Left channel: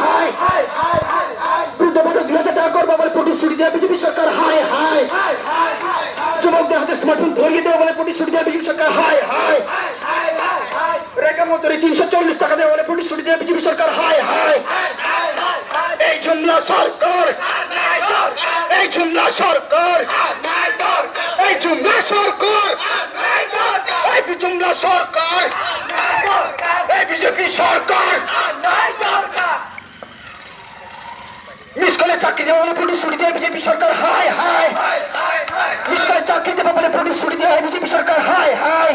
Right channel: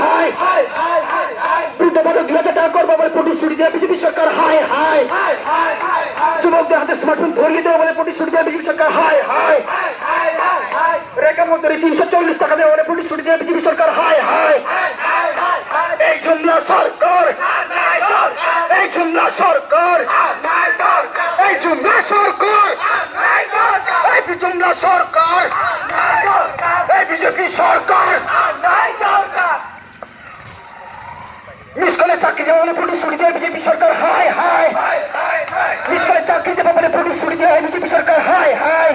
High high বৃদ্ধবাদক 2000 টাকা করবো বলে প্রতিশ্রুতি দেয় বিজেপি সরকার হাই হাই যুবকদের হাতে স্মার্টফোন ধরিয়ে দেওয়া বলে প্রতিশ্রুতি দেয় বিজেপি সরকার হাই হাই রেখা মন্ত্রী 340 টাকা দেওয়া বলে প্রতিশ্রুতি দেয় বিজেপি সরকার হাই হাই এই জুমলা সরকার এই জুমলা সরকার এই জুমলা সরকার এই জুমলা সরকার এই বিজেপি সরকার মিস কলে চাকরি দেওয়া বলে প্রতিশ্রুতি দেয় বিজেপি সরকার হাই হাই মিস কলে চাকরি দেওয়া বলে প্রতিশ্রুতি দেয় বিজেপি সরকার হাই হাই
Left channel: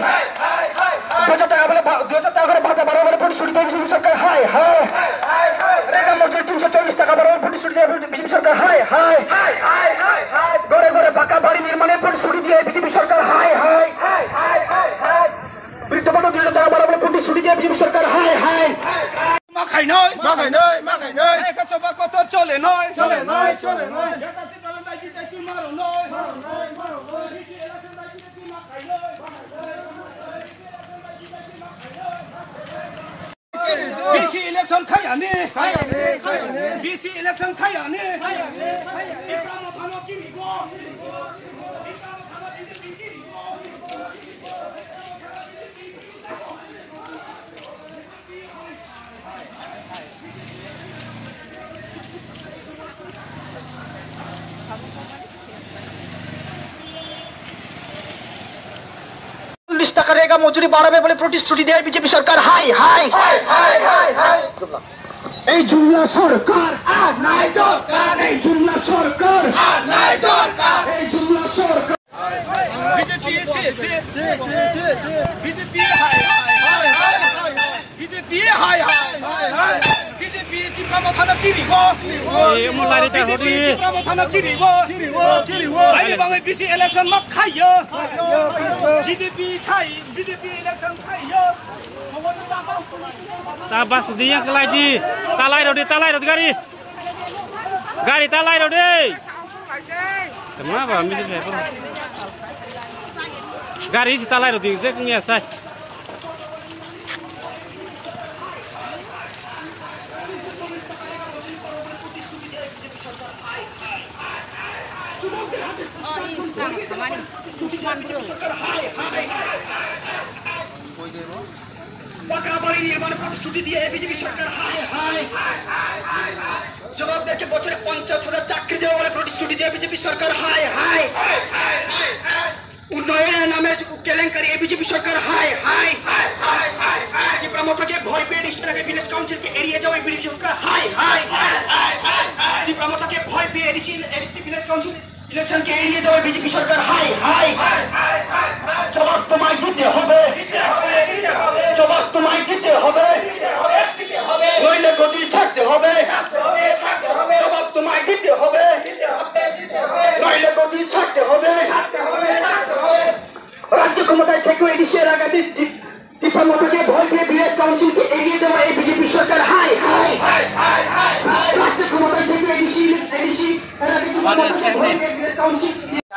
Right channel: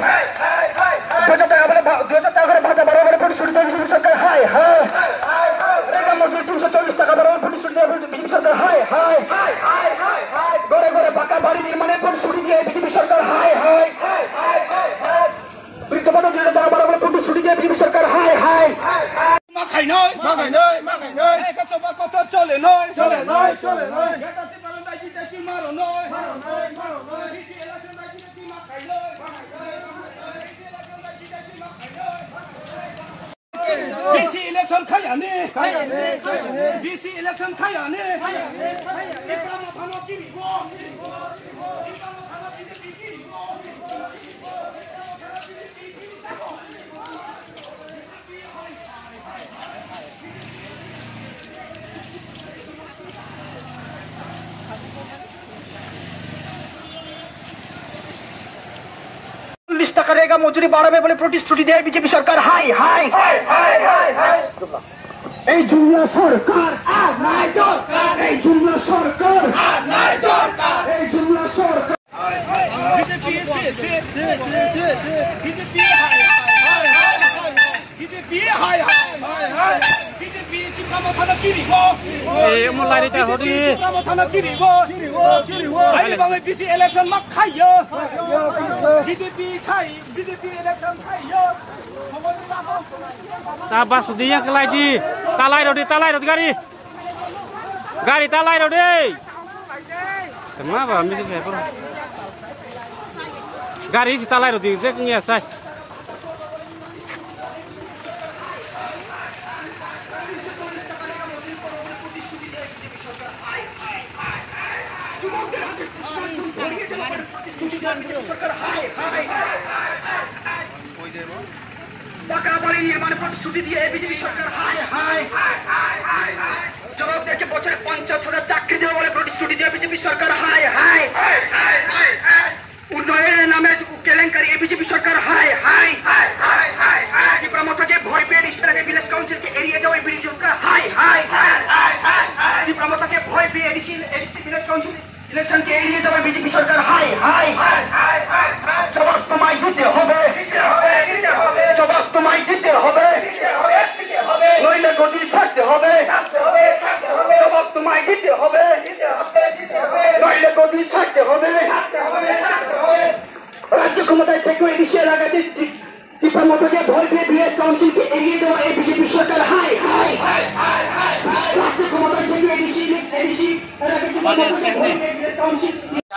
2000 টাকা করে ভাতা বাড়াবো বলে প্রতিশ্রুতি দেয় বিজেপি সরকার হাই হাই রেখা মজুরি 340 টাকা বাড়াবো প্রতিশ্রুতি দেয় বিজেপি সরকার হাই হাই ঘরে ঘরে পাকা বাড়ি নির্মাণের প্রতিশ্রুতি দিয়ে বিজেপি সরকার হাই হাই বৃদ্ধবাদক 2000 টাকা বাড়াবো প্রতিশ্রুতি দিয়ে বিজেপি সরকার হাই হাই মাখাই নয় একা চবা কত চলে নয় একাতে পালাটা জিতেছি মারো নয় BC election খায়ানে BC election খায়ানে Ibrahim থানা কিরিব টাকা রেগা মজুরি বাড়াবে বলে প্রতিশ্রুতি দেয় বিজেপি সরকার হাই হাই এই জুমলা সরকার আর নাই দরকার এই জুমলা সরকার আর নাই দরকার এই জুমলা সরকার বিজেপি বিজেপি হাই বিজেপি হাই বিজেপি ইব্রাহিম থানা কিরিব এই মোলারিটা হরি ইব্রাহিম থানা কিরিব আরে বাবা BC election মা খাইও বিজেপি election খাইও ta bas dia ke lagi talai rodi gari talai rodi kenapa mesti saya gari si talai rodi saya punya saya পাকা বাড়ি নির্মাণের প্রতিশ্রুতি দিয়ে বিজেপি সরকার হাই হাই জবাব দেখে বছরে 50,000 চাকরি দেওয়া বলে প্রতিশ্রুতি দিয়ে বিজেপি সরকার হাই হাই উন্নয়নের নামে কেলেঙ্কারি বিজেপি সরকার হাই হাই প্রমোটকে ভয় পেয়ে ডিস্ট্রিক্ট ভিলেজ কাউন্সিলকে এড়িয়ে যাওয়া বিজেপি সরকার হাই হাই প্রমোটকে ভয় পেয়ে ভিলেজ কাউন্সিল ইলেকশনকে এড়িয়ে যাওয়া বিজেপি সরকার হাই হাই জবাব তোমায় দিতে হবে জবাব তোমায় দিতে হবে নইলে গদি ছাড়তে হবে জবাব তোমায় দিতে হবে নইলে গদি ছাড়তে হবে রাজ্য ক্ষমতায় থেকে এডিশিয়ার আগাতে টিপামোটকে ভয় পেয়ে ভিলেজ কাউন্সিলকে এড়িয়ে দেওয়া এই বিজেপি সরকার হাই হাই রাজ্য ক্ষমতায় থেকে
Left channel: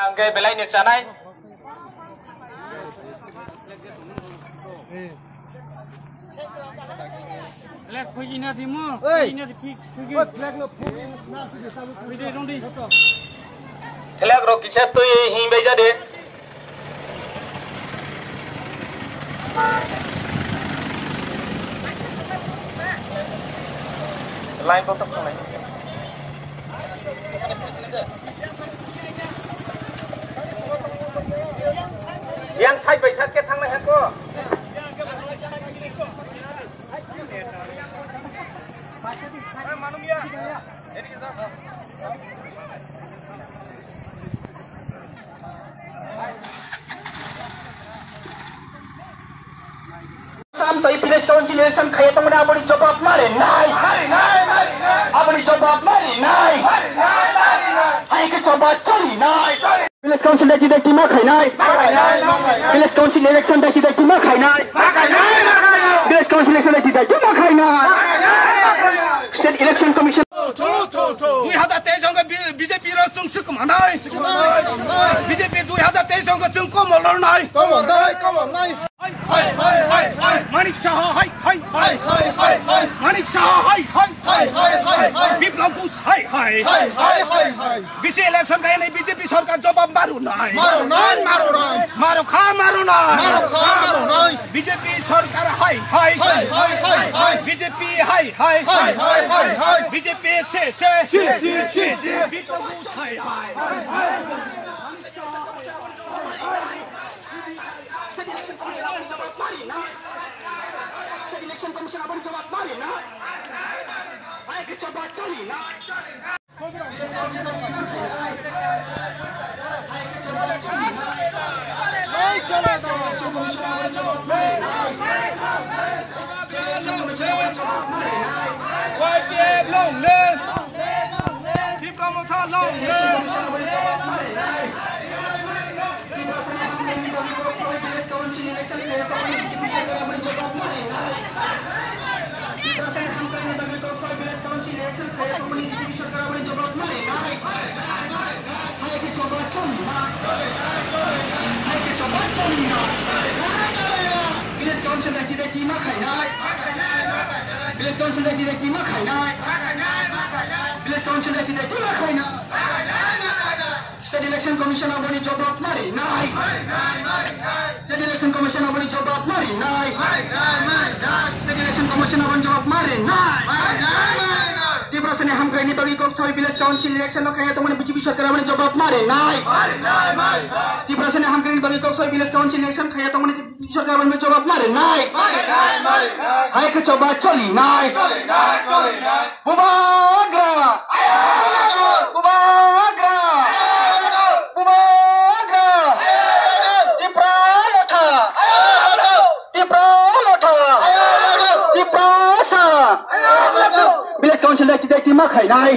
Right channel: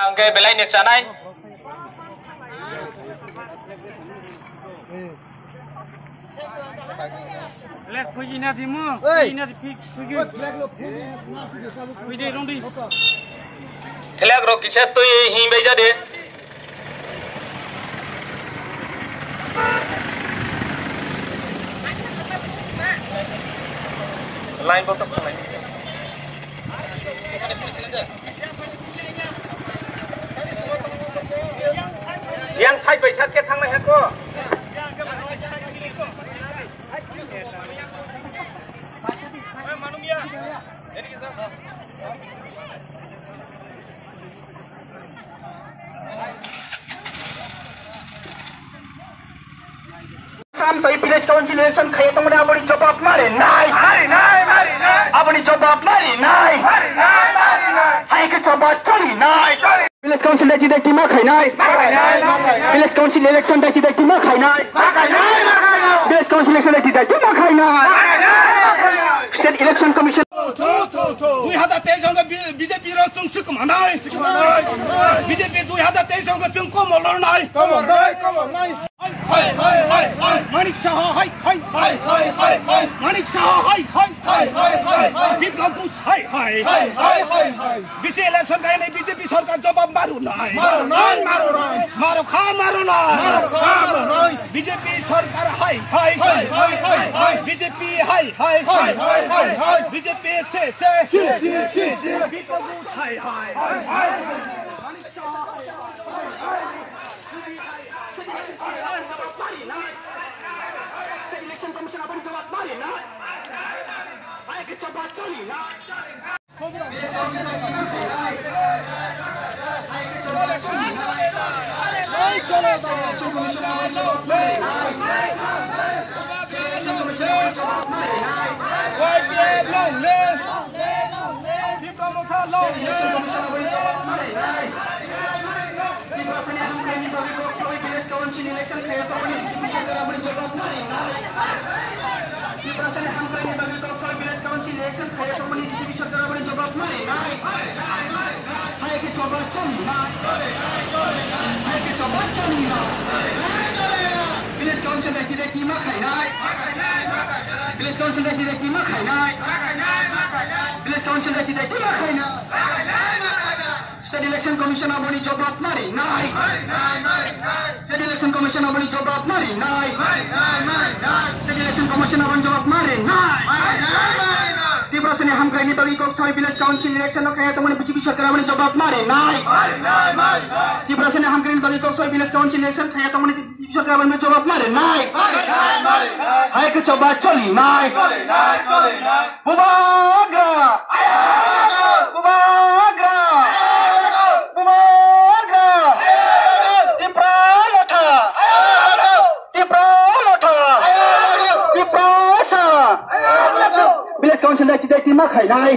angkai belai ni canai lek pergi nanti mu pergi nanti pergi pergi rondi lek ro kichat tu hi beja de line botak line yang sai bai sat ke thang mai ko sampai village council election kaya tunggu abadi jawab mari nai abadi jawab mari nai hai ke jawab cari nai village council lagi dah kima khai nai village council election dah kita kima khai nai village council election lagi dah kima khai nai state election commission 2023 个 BJP 的正式干嘛呢 BJP 2023个正干嘛了呢干嘛呢마닉 샤 하이 마닉 샤 하이 নাই BC election খাই নাই BJP সরকার জবাব মারু নাই মারো খা মারো নাই BJP সরকার হাই হাই বিজেপি হাই হাই বিজেপি সে বিপ্লব হাই হাই ইলেকশন কমিশন আপনি জবাব মারি না আগে জবাব চলি না State election commission aboni jawab mari nai State election commission aboni jawab mari nai State election commission aboni jawab mari nai di prasane hamkai ni bagi kok choi village council election lo kaya tomone BJP sarkar aboni jawab mari nai di prasane hamkai ni bagi kok choi village council election kaya tomone BJP sarkar aboni jawab mari nai hai ke coba choli nai bubagra Village Council dah tidak terima khainai.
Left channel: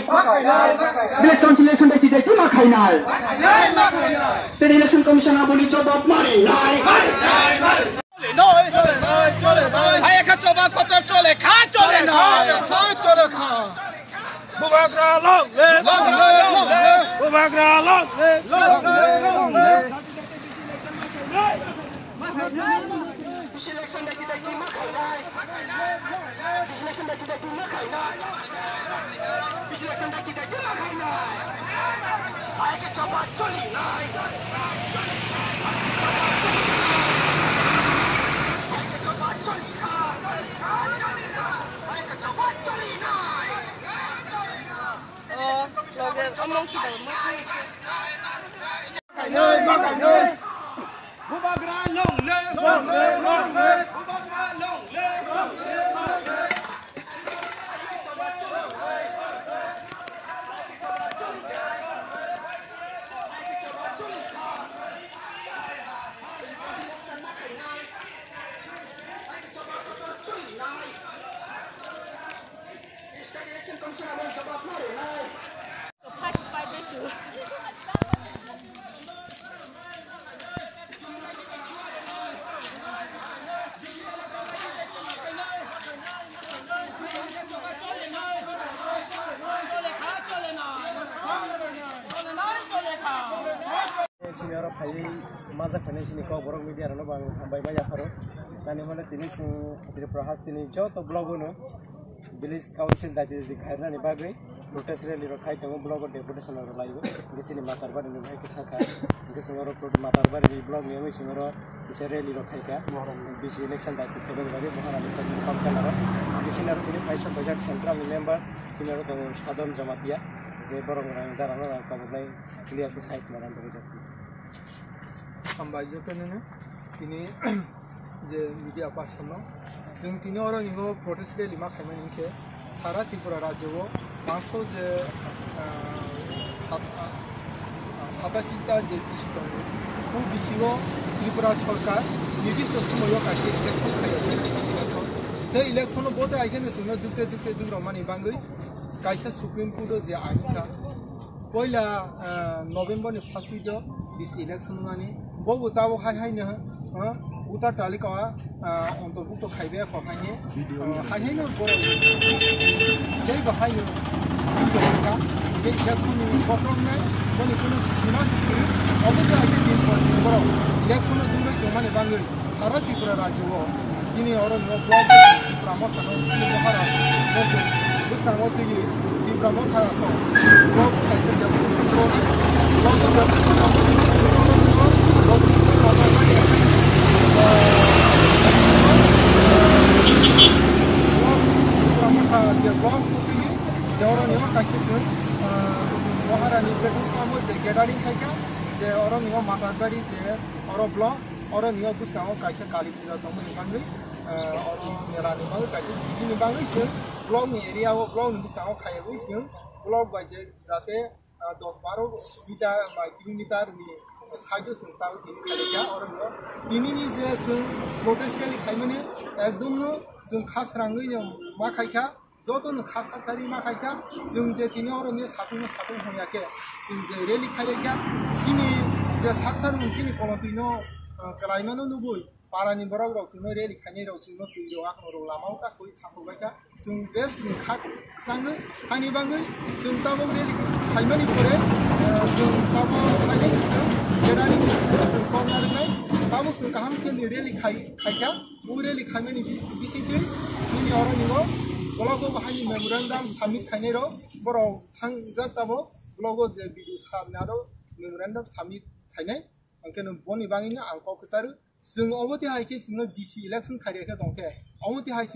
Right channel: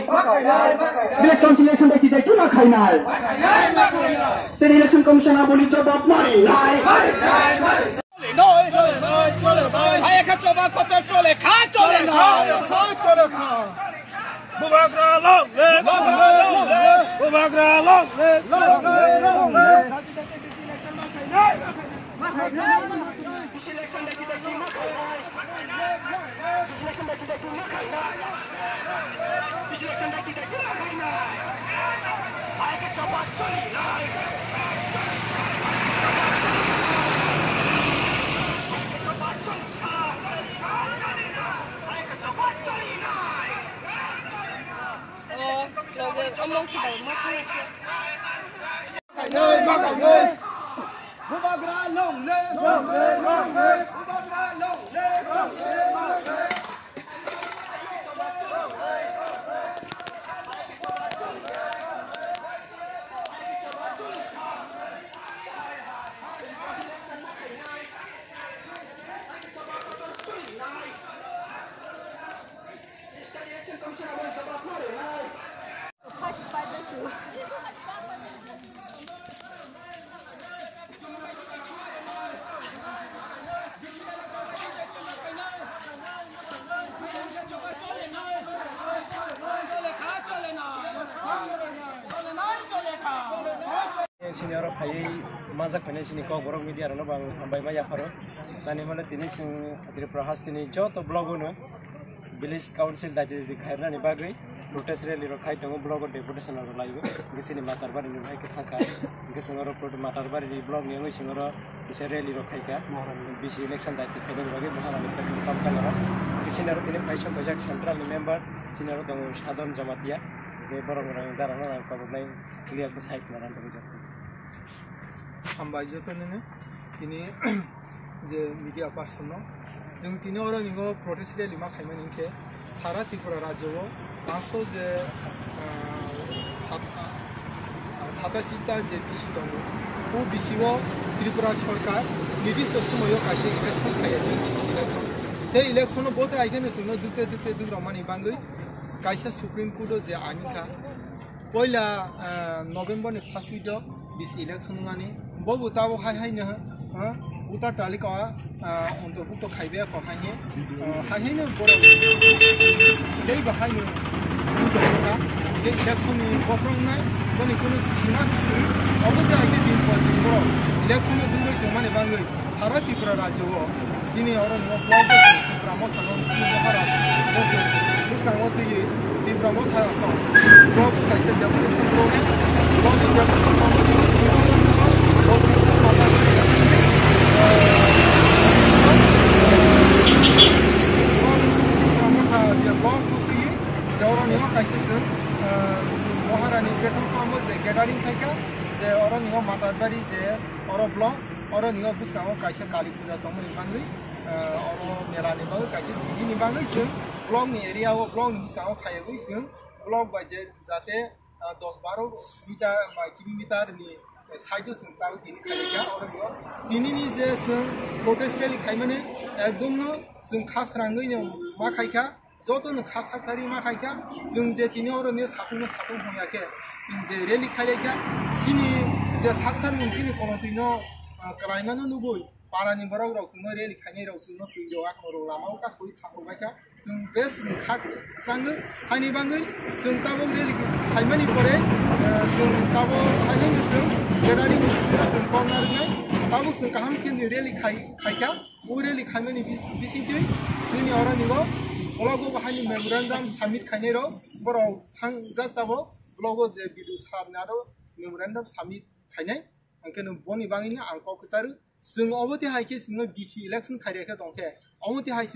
Village Council election dah tidak terima khainai. State Election Commission aboni jawab mari nai. Hai ka coba kotor chole kha chole na Bubagra long le Bubagra long le Election dah tidak terima khainai. Election dah tidak terima khainai. Election dah tidak terima khainai. Hai ke coba choli nai. Bubagra long le Bubagra long le Senior Pai Mazak Penisini Kok Borok Media Bang Ambai Baya Faro Tani Mala Tinis Tripura Hastini Jot Blogono Village Council that is the Kairani Bagri protest rally Rokai Tongo Blog deputation or live Gisini Matarbar in the Haka Gisingoro Matarbar in the blog Nemo Singoro Rally Rokaika BC election that the Kadan Bagi Mohana Pamkanara Gisina in Paisha Project Central member Senior Shadon Jamatia the Borong Darana and Common clear the site Naran Ambajotonene ini je media person जों तिनी orang ingo protest rally ma khaiman inke sara tripura rajyo 500 je 87 ta je bisi dong o bisi o tripura sarkar নির্দিষ্ট সময়ও কাছে election খাইছে election সেই election bote আইখানে সুনো দুতে দুরমানি বাঙ্গই কাইসা সুপ্রিম কোর্ট যে আইনখা পয়লা November ni first week bisi election ngani bobu tawo haihai ne utar talikawa অন্তর্ভুক্ত খাইবে কহাইনে হাইনে বড় দেই বাহাইনে দুটা যে ইলেকশন গফরম নাই বনি কোন সীমা অবদা আইতে দিন পর দিন বড় ইলেকশন দুই মানে বাঙ্গই সারা ত্রিপুরা রাজ্য তিনি অরণ্য ব্লক ত্রিপুরা মথানো মহারাষ্ট্র बुस्कांगो तुई तीव्रमो था तो ब्लॉग कैसे जब ब्लॉग है ब्लॉग जब कंपनी में बहुत माता गाड़ी रखेंगे ब्लॉग तीव्रमो था जब ब्लॉग तुई जौरा नियो कैसे से महारानी पेट्रोल पंप जे गैदरिंग थाइका जे औरो नियो माता गाड़ी जे औरो ब्लॉग औरो नियो बुस्कांगो कैसे काली पूजा तमो निबांगै औरो मेला निबांगै कैसे बिदि निबांगै जों ब्लॉग नि एरिया वो ब्लॉग नि बुस्कांगो खायगै जों ब्लॉग बाय जाते 10-12 मीटर किलोमीटर नि साइड जों ताव दिनि खायगा औरो नियो दिनि नि जे जों प्रोटेस्ट रैली खायमाने एकदम नो जों खासरांगै नि मा खायखा जतन खासाखारि मा खायखा जों जे दिनि औरो नि साथुं होयाके जों जे रैली खायगा सिनि जे साथार उनखिनि कोनथिनो क्लाइमानो नुबोय पारानि बराव जोंनो रैली खायनाय राव जोंनो फैरो आखरो लामाव गासै थाखौबायखा जों बेस खात सांगो हानि बांगै जों ताबो रैली खायमानि परे जों ताबो खायनाय जों गेदारि जों कॉर्नरनाय ताबो जों गाहाम खेनि रैली खायखा उ रैली खायमानि बिसिदै जोंनि औरो निबो ब्लॉगो बाहायनि मेमोरेंडम सबमिट खायनाय राव बराव थांजाक ताबो ब्लॉगो जे बिदु साबनारो मेमोरेंडम सबमिट खायनाय अंकेनो बनि बाङैनो आंखौ कसारो जों अबति हायके जों बीसी इलेक्शन खायरेखा दंखे अबति हाय